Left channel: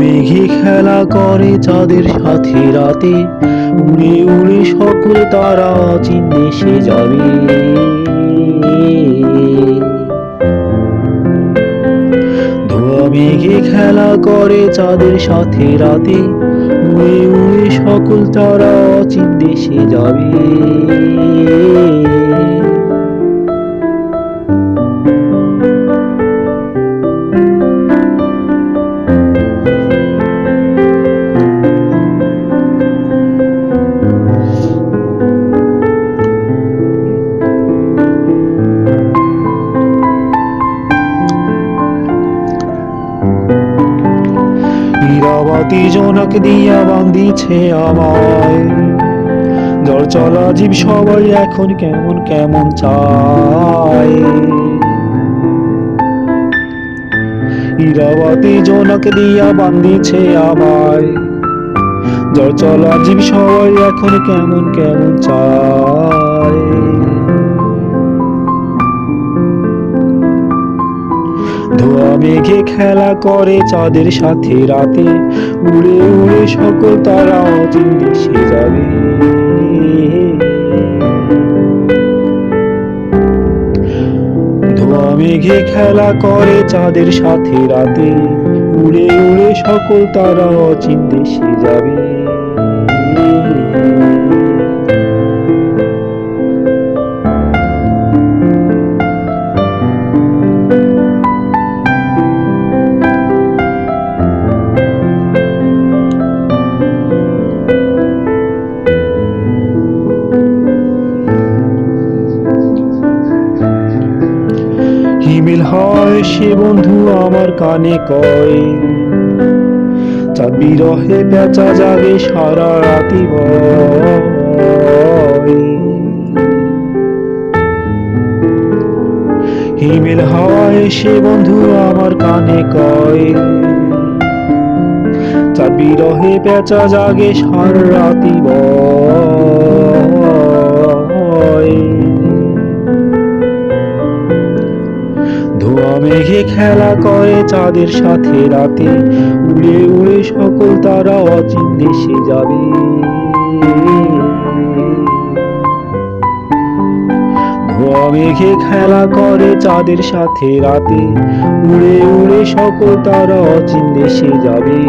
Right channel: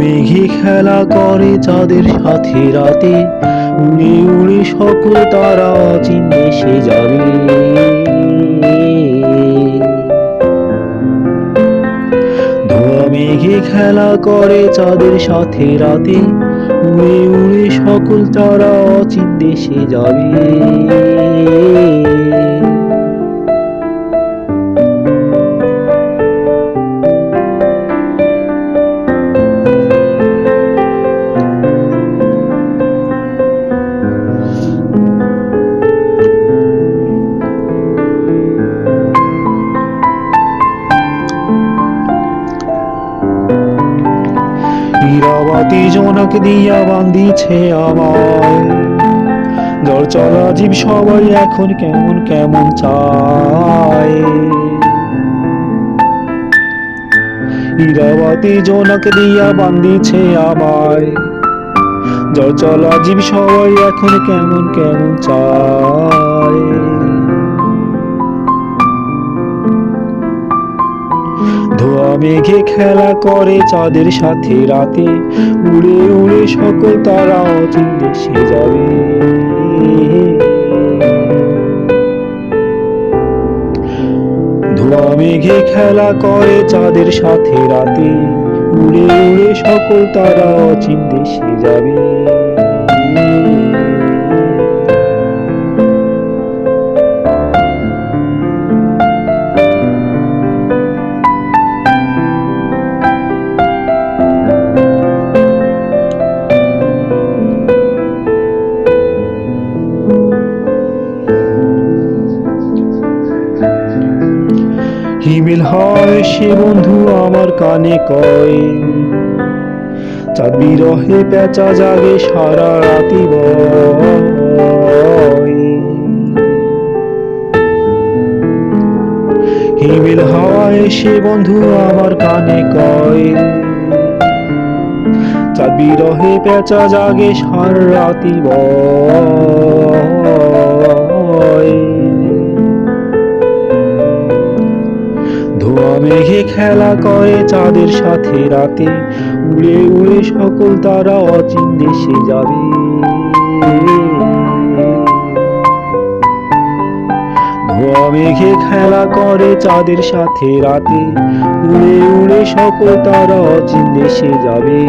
মেঘে খেলা করে চাঁদের সাথে রাতে। উড়ে উড়ে সকল তারা অচিন দেশে যাবে। মেঘে খেলা করে চাঁদের সাথে রাতে। উড়ে উড়ে সকল তারা অচিন দেশে যাবে। ইরাবাতি জোনাক দিয়া বান্দিছে আমায়। জল চলা জীব সবাই এখন কেমন কেমন চায়। ইরাবাতি জোনাক দিয়া বান্দিছে আমায়। জল চলা জীব সবাই এখন কেমন কেমন চায়। মেঘে খেলা করে চাঁদের সাথে রাতে। উড়ে উড়ে সকল তারা অচিন দেশে যাবে। ধোয়া মেঘে খেলা করে চাঁদের সাথে রাতে। উড়ে উড়ে সকল তারা অচিন দেশে যাবে। হিমেল হয় সে বন্ধু আমার কানে কয়? চাঁদ বিরহে পেঁচা জাগে সারা রাতি হিমেল হাওয়ায় সে বন্ধু আমার কানে কয়? চাঁদ বিরহে পেঁচা জাগে সারা রাতি বয়। মেঘে খেলা করে চাঁদের সাথে রাতে, উড়ে উড়ে সকল তারা অচিন দেশে যাবে। মেঘে খেলা করে চাঁদের সাথে রাতে, উড়ে উড়ে সকল তারা অচিন দেশে যাবে।